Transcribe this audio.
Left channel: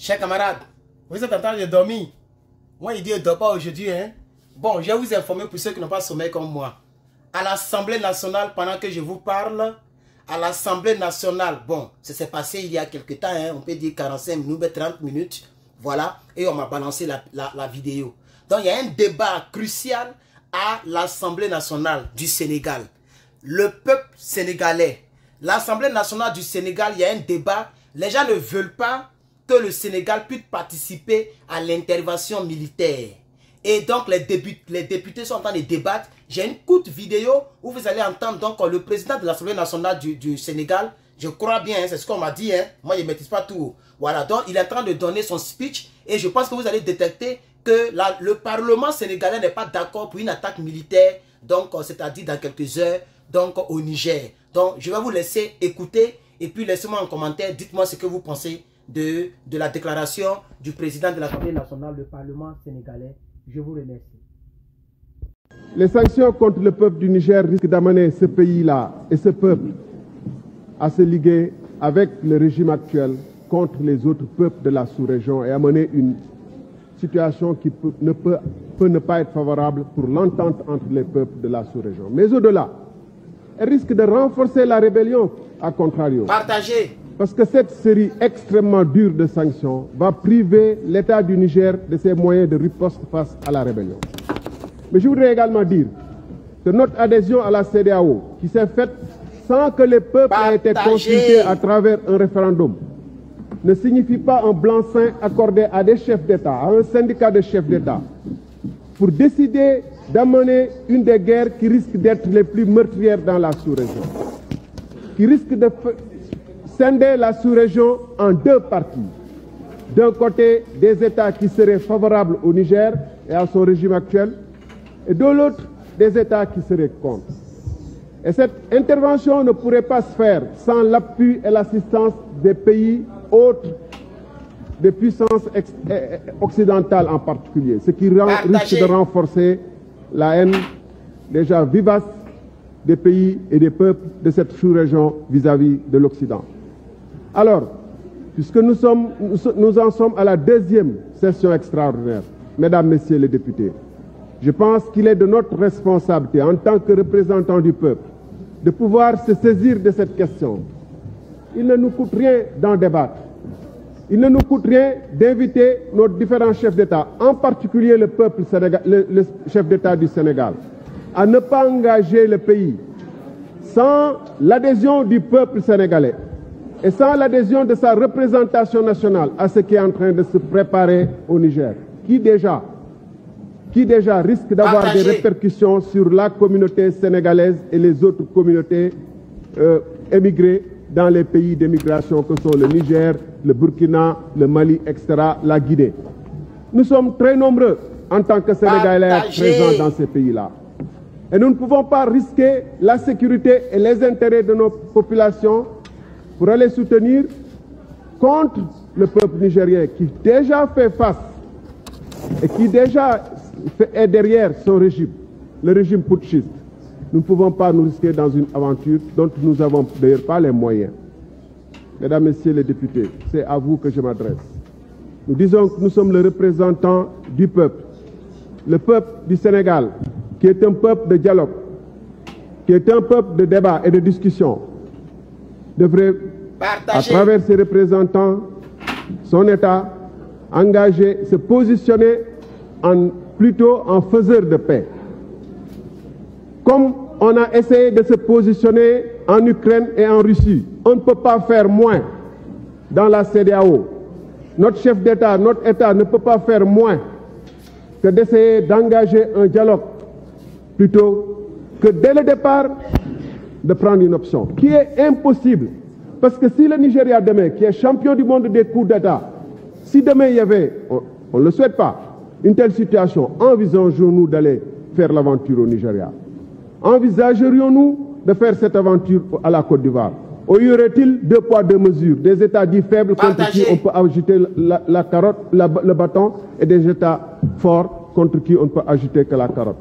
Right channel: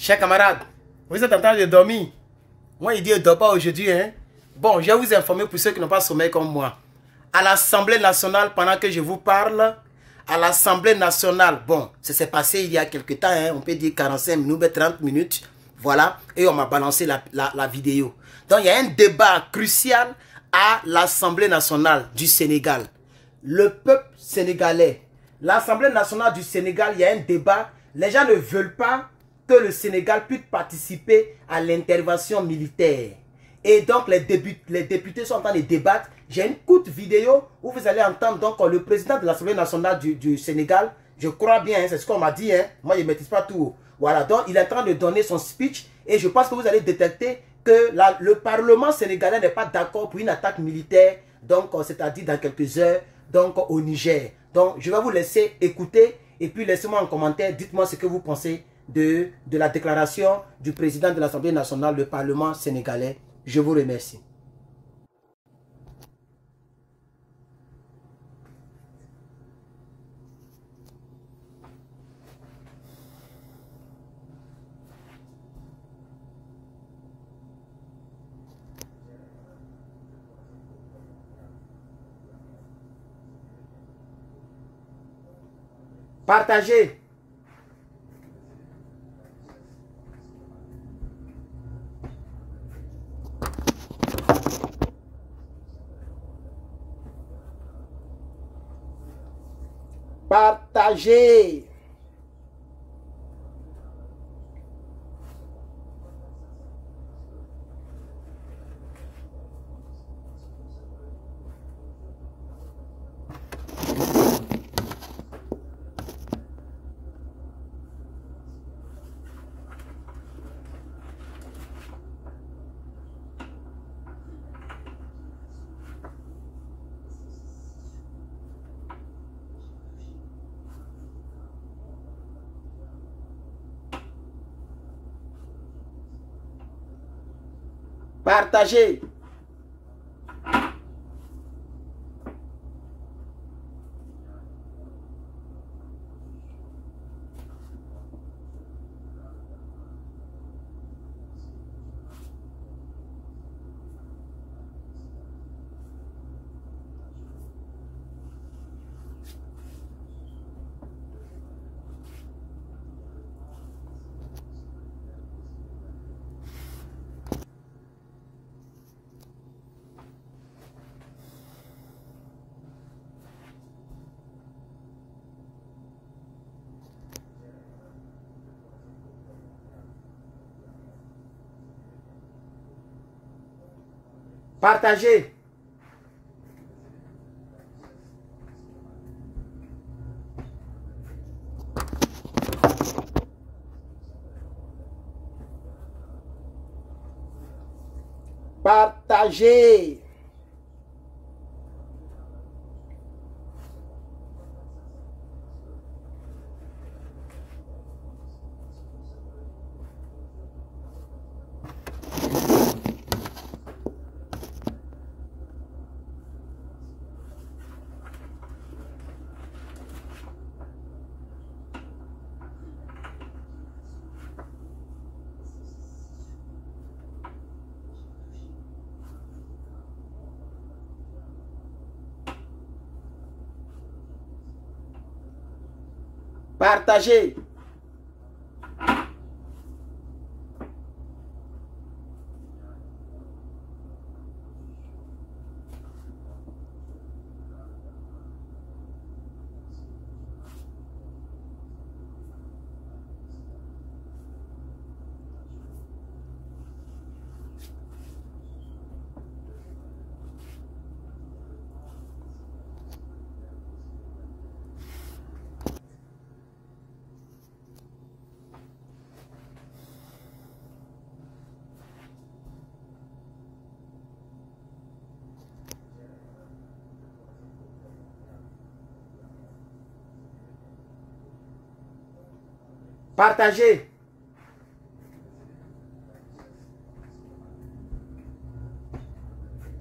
Chers camarades, vous êtes en train de dormir. Moi, il dit, ne dort pas aujourd'hui. Hein? Bon, je vais vous informer pour ceux qui n'ont pas sommeil comme moi. À l'Assemblée nationale, pendant que je vous parle, à l'Assemblée nationale, bon, ça s'est passé il y a quelques temps, hein, on peut dire 45 minutes, 30 minutes, voilà, et on m'a balancé la vidéo. Donc, il y a un débat crucial à l'Assemblée nationale du Sénégal. Le peuple sénégalais, l'Assemblée nationale du Sénégal, il y a un débat. Les gens ne veulent pas que le Sénégal puisse participer à l'intervention militaire. Et donc, les députés sont en train de débattre. J'ai une courte vidéo où vous allez entendre donc, le président de l'Assemblée nationale du Sénégal. Je crois bien, hein, c'est ce qu'on m'a dit. Hein. Moi, je ne maîtrise pas tout. Voilà, donc il est en train de donner son speech. Et je pense que vous allez détecter que le Parlement sénégalais n'est pas d'accord pour une attaque militaire. Donc, c'est-à-dire dans quelques heures, donc au Niger. Donc, je vais vous laisser écouter. Et puis, laissez-moi en commentaire. Dites-moi ce que vous pensez de la déclaration du président de l'Assemblée nationale, le Parlement sénégalais. Je vous remercie. Les sanctions contre le peuple du Niger risquent d'amener ce pays-là et ce peuple à se liguer avec le régime actuel contre les autres peuples de la sous-région et amener une situation qui peut ne pas être favorable pour l'entente entre les peuples de la sous-région. Mais au-delà, elle risque de renforcer la rébellion, à contrario. Partagez. Parce que cette série extrêmement dure de sanctions va priver l'État du Niger de ses moyens de riposte face à la rébellion. Mais je voudrais également dire que notre adhésion à la CEDEAO, qui s'est faite sans que les peuples aient été consultés à travers un référendum, ne signifie pas un blanc-seing accordé à des chefs d'État, à un syndicat de chefs d'État, pour décider d'amener une des guerres qui risque d'être les plus meurtrières dans la sous-région, qui risque de scinder la sous-région en deux parties. D'un côté, des États qui seraient favorables au Niger et à son régime actuel, et de l'autre, des États qui seraient contre. Et cette intervention ne pourrait pas se faire sans l'appui et l'assistance des pays autres, des puissances occidentales en particulier, ce qui risque de renforcer la haine déjà vivace des pays et des peuples de cette sous-région vis-à-vis de l'Occident. Alors, puisque nous en sommes à la deuxième session extraordinaire, mesdames, messieurs les députés, je pense qu'il est de notre responsabilité en tant que représentants du peuple de pouvoir se saisir de cette question. Il ne nous coûte rien d'en débattre. Il ne nous coûte rien d'inviter nos différents chefs d'État, en particulier le chef d'État du Sénégal, à ne pas engager le pays sans l'adhésion du peuple sénégalais et sans l'adhésion de sa représentation nationale à ce qui est en train de se préparer au Niger, qui déjà risque d'avoir des répercussions sur la communauté sénégalaise et les autres communautés émigrées dans les pays d'émigration que sont le Niger, le Burkina, le Mali, etc., la Guinée. Nous sommes très nombreux en tant que Sénégalais présents dans ces pays-là. Et nous ne pouvons pas risquer la sécurité et les intérêts de nos populations pour aller soutenir contre le peuple nigérien qui déjà fait face et qui déjà est derrière son régime, le régime putschiste. Nous ne pouvons pas nous risquer dans une aventure dont nous n'avons d'ailleurs pas les moyens. Mesdames, Messieurs les députés, c'est à vous que je m'adresse. Nous disons que nous sommes le représentant du peuple. Le peuple du Sénégal, qui est un peuple de dialogue, qui est un peuple de débat et de discussion, devrait, à travers ses représentants, son État, engager, se positionner plutôt en faiseur de paix. Comme on a essayé de se positionner en Ukraine et en Russie, on ne peut pas faire moins dans la CEDEAO. Notre chef d'État, notre État ne peut pas faire moins que d'essayer d'engager un dialogue plutôt que dès le départ de prendre une option qui est impossible. Parce que si le Nigeria demain, qui est champion du monde des coups d'État, si demain il y avait, on ne le souhaite pas, une telle situation, envisageons-nous d'aller faire l'aventure au Nigeria? Envisagerions-nous de faire cette aventure à la Côte d'Ivoire? Ou y aurait-il deux poids, deux mesures? Des États dits faibles contre qui on peut agiter la carotte, le bâton, et des États forts contre qui on ne peut agiter que la carotte.